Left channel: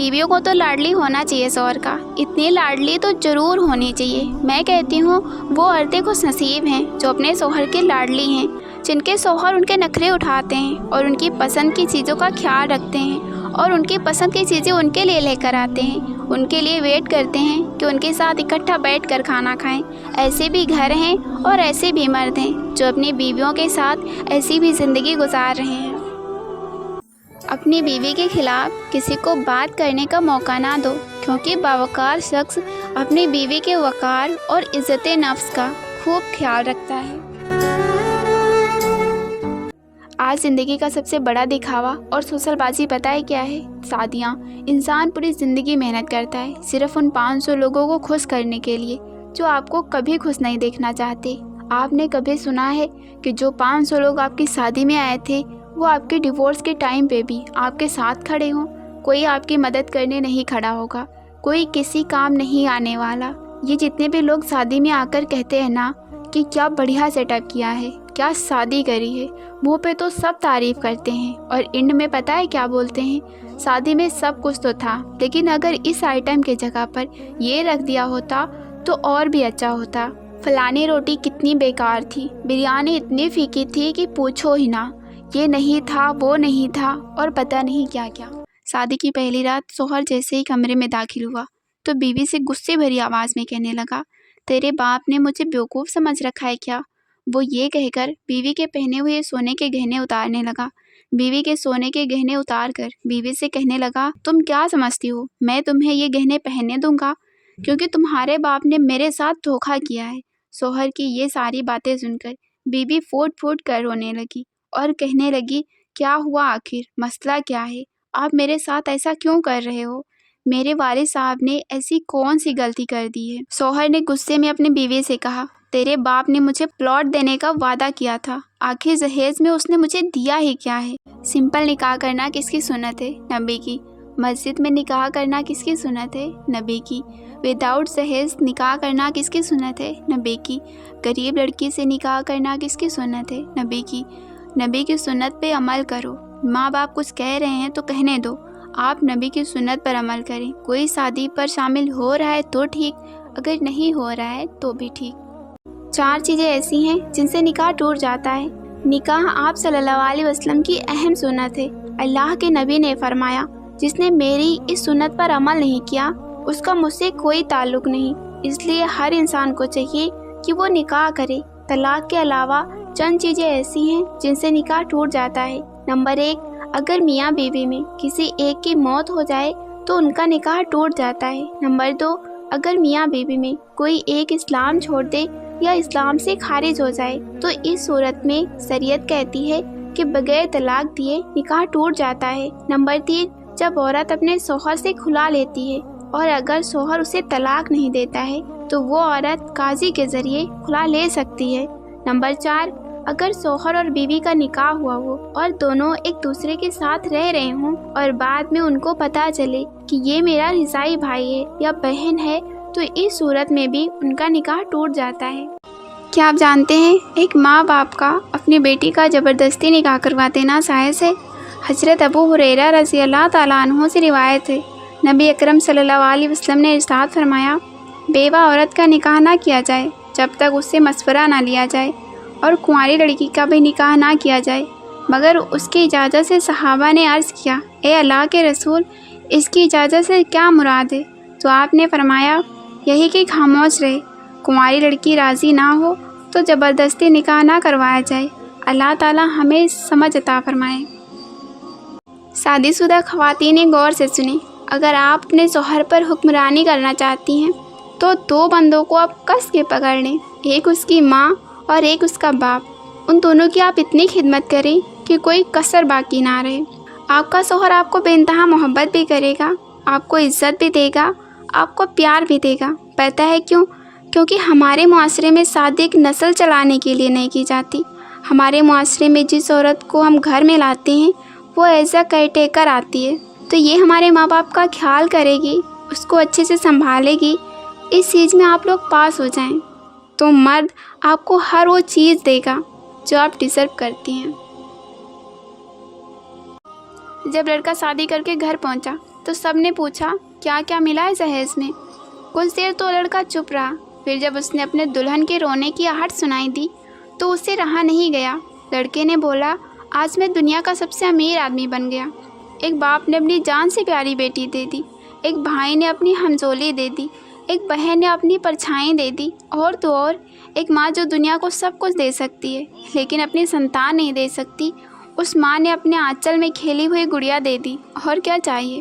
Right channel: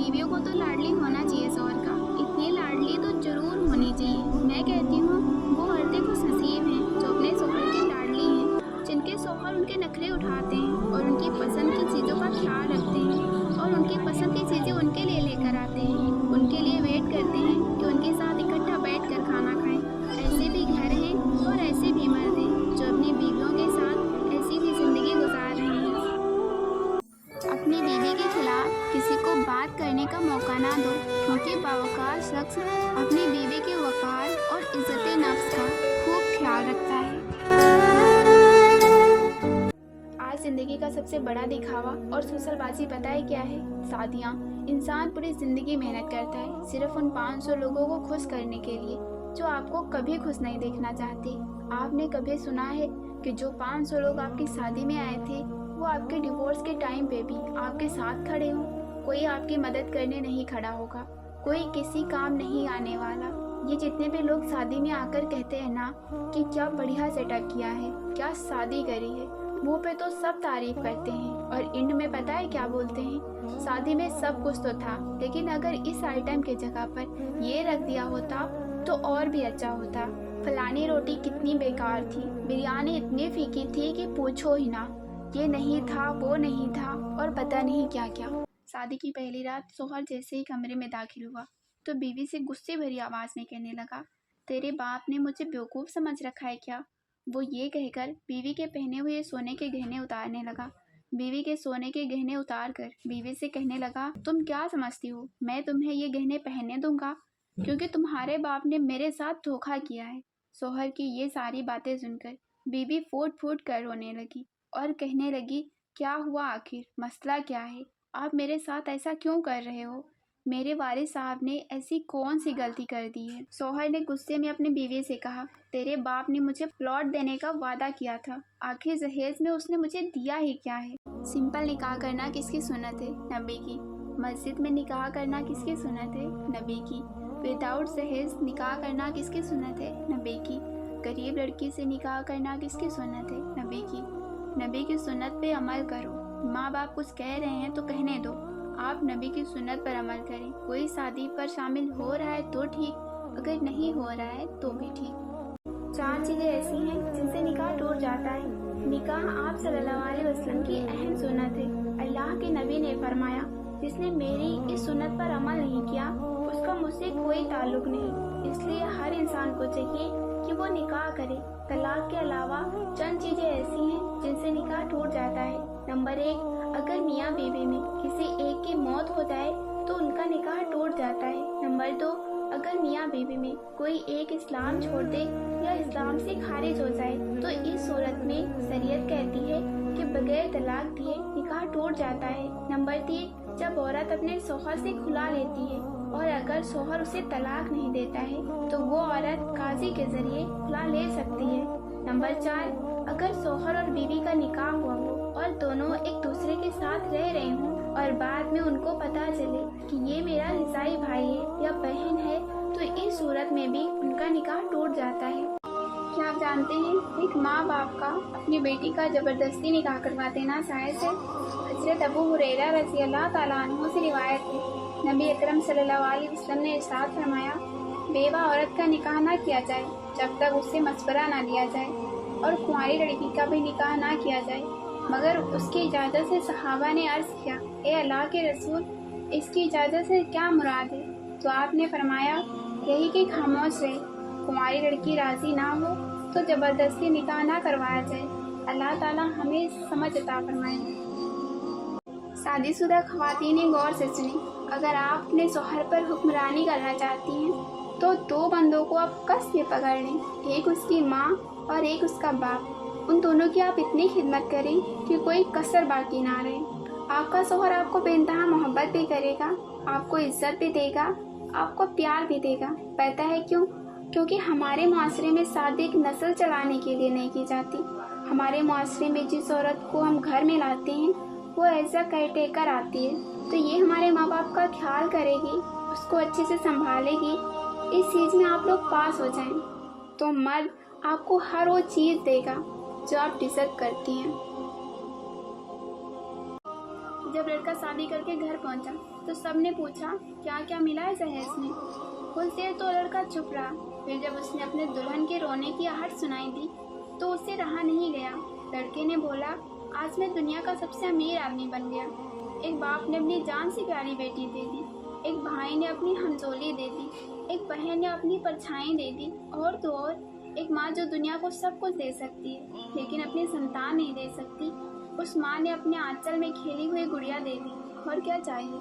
बीवियों को तो लाडली होना चाहिए शौहर का, इतनी लाडली तो जरूर होनी चाहिए। मैं कहती हूँ वो औरतें खुश नसीब हैं जो अपने शौहर के लाडली हैं, जिनके शौहर उनके नखरे उठाते हैं और उनकी पसंद की चीज़ों का ख्याल रखते हैं और उनकी पसंद की चीज़ें उनके लिए लेकर आते हैं, उनके लिए वेट करते हैं कि उनके साथ इकट्ठा बैठकर खाना खाएं। ऐसे भी घर हैं और ऐसे भी मर्द हैं जो अपनी बीवियों के साथ ऐसी भी ज़िंदगी गुजार रहे हैं। अपनी बीवी के खिलाफ किसी को बात करने का मौका ना दो, क्योंकि बावकार शख्स अपनी बीवी के वकार और इज्जत नफ्स का खूब ख्याल रखता है। आज ज़िंदगी का सबसे बड़ा दिखावा और सोशलबाजी पता है क्या है? शादियाँ। इंसान पूरी ज़िंदगी मेहनत करता है सिर्फ उन 500 लोगों को खुश करने के लिए जो आपको कभी खुश नहीं देखना चाहते। आपने कभी सुना है कि जो 500 लोग आपकी शादी में आए थे वो आपके डिवोर्स के टाइम पे भी आपके साथ खड़े हों? कोई आपकी मदद करने नहीं खड़ा होगा, कोई किसी काम नहीं आने वाला। ये जितने भी लोग शादी में आकर कहते हैं ना कि क्या बढ़िया सेटअप किया है, क्या शादी करी है, मुंह पे तो सब तारीफ करते हैं और एंड में पता है क्या बोलते हैं? शादी में सब कुछ तो था, लेकिन अगर इस आइटम के जगह पर ये रख दिया होता तो और भी अच्छा होता। फलानी रोटी कितनी बेकार थी, बिरयानी इतनी फीकी थी कि पूछो ही ना, ये नहीं था, वो नहीं था और पता नहीं क्या क्या। शादी की पहली रात शौहर जैसे ही कमरे में दाखिल हुआ तो बीवी से गुस्से भरी आवाज़ में कहने लगा, तेरे बाप ने मुझे बेवकूफ़ समझ रखा है क्या? वो ये कहकर बीवी के पहने हुए सोने के गहने उतारने लगा। बीवी के सोने के गहने उतार कर बीवी से कहने लगा, तुम क्या समझती हो मैं तुम्हें ये गहने पहनने दूंगा? क्योंकि तुम्हारे बाप ने मेरे साथ धोखा किया है। शौहर की ये सारी बातें सुनकर बीवी फूट फूट कर रोने लगी और कहने लगी, क्या हुआ आखिर, मसला क्या है? आप मेरे साथ ऐसा क्यों कर रहे हो? मेरे वालिद साहब ने ऐसी कौन सी गलती कर दी है? शौहर ने गुस्से में अपनी बीवी से कहा, तेरे बाप ने मुझे प्लॉट देने का वादा किया था, आखिर जहेज में उसने मुझे दिया ही क्या है? सिंपल निकाह करना किसकी सुन्नत है? नबी की। मस्जिद में निकाह करना किसकी सुन्नत है? नबी की। विदाउट जहेज निकाह करना किसकी सुन्नत है? नबी की। गरीब लड़की से निकाह करना किसकी सुन्नत है? नबी की। नबी की सुन्नत पे अमल करो। माँ बाप कुछ कह रहे हैं तो कहने दो, आप नबी की सुन्नत पर अमल करें। कोई शादी पर शामिल हो रहा है तो ठीक, अगर नहीं हो रहा है तो भी ठीक। 4 चीज़ें ऐसी हैं जिनसे निकाह टूट जाता है। निकाह आप सल्लल्लाहु अलैहि वसल्लम की अहम सुन्नत है। अल्लाह के नबी ने फरमाया, जिसने मेरी इस सुन्नत पर अमल नहीं किया उसका मुझसे कोई ताल्लुक नहीं। इसलिए हर इंसान को चाहिए कि वो निकाह करे। तलाक के अलावा चंद चीज़ें ऐसी हैं जिनसे निकाह टूट जाता है। नंबर 1, अगर मियाँ बीवी में किसी एक की मौत हो जाए तो उनका निकाह टूट जाता है। नंबर 2, अगर मियाँ बीवी में कोई एक इस्लाम छोड़ दे या इस्लाम से खारिज हो जाए तो इस सूरत में शरीयत कहती है कि बगैर तलाक दिए निकाह टूट जाता है। नंबर 3, जब औरत अपने शौहर से खुला लेती है और अगर शौहर उसे तलाक नहीं देता है तो वो औरत काजी के जरिए खुला ले सकती है। नंबर 4, अगर शौहर और बीवी का निकाह हुआ हो और दोनों एक दूसरे के साथ रह रहे हों और बाद में उनको पता चले कि ये मेरा रिसाई भाई है या बहन है तो इस सूरत में भी उनका निकाह टूट जाता है। क्या आप जानते हैं एक माँ बाप का अपनी बेटी का ज़बरदस्ती निकाह करवा देना जायज़ है? हज़रत अबू हुरैरा रज़ी अल्लाह ताला अन्हु से रिवायत है, नबी अकरम सल्लल्लाहु अलैहि वसल्लम ने इरशाद फरमाया, बेवा औरत का निकाह ना किया जाए जब तक उससे मशवरा ना लिया जाए और कुंवारी लड़की का भी निकाह ना किया जाए मगर उसकी इजाज़त से। सहाबा ने अर्ज़ किया, ए अल्लाह के रसूल, इसकी इजाज़त से क्या मुराद है? तो आपने फरमाया, यही कि खामोश रहे, कुंवारी लड़की राज़ी ना हो तो ज़बरदस्ती निकाह ना करवाया जाए। अल्लाह ताला हमें समझ अता फरमाए। शादीशुदा ख़वातीन गौर से सुने, अगर आप अपने शौहर पर हुक्मरानी करना चाहती हैं तो 2 बंदों को आप कस के पकड़ लें, एक उसकी माँ और एक उसका बाप। उन दोनों की आप इतनी खिदमत करें कि कोई कसर बाकी ना रहे। आपका शौहर आपको बेइंतहा मोहब्बत भी करेगा, आपको इज़्ज़त भी देगा, आपको प्यार भी देगा। पता है क्यों? क्योंकि हमारे मुआशरे में शादी एक नस्ल चलाने के लिए नहीं की जाती। हमारे मुआशरे में जिस औरत को हम घर में लाते हैं वो एज अ केयरटेकर आती है, तो ये हमारे माँ बाप का ख्याल करेगी, उसको अच्छे से संभालेगी। इस चीज़ में आप लोग पास हो जाएं तो मर्द आपको हर वो चीज़ देगा जो आप डिज़र्व करती हैं। जब लड़का शादी करके घर पहुंचा تو سب نے پوچھا کیا کیا ملا ہے جہیز میں۔ کچھ دیر تو لڑکا چپ رہا، پھر جب اس نے اپنے دلہن کے رونے کی آہٹ سنائی دی تو اسے رہا نہیں گیا۔ لڑکے نے بولا آج میں دنیا کا سب سے امیر آدمی بن گیا۔ ایک باپ نے اپنی جان سے پیاری بیٹی دے دی، ایک بھائی نے اپنی ہمجولی دے دی، ایک بہن نے اپنی پرچھائیں دے دی، اور تو اور ایک ماں جو دنیا کو سب کچھ دے سکتی ہے لیکن اپنی سنتان نہیں دے سکتی، اس ماں نے اپنے آنچل میں کھیلی ہوئی گڑیا دے دی، اور کیا چاہیے۔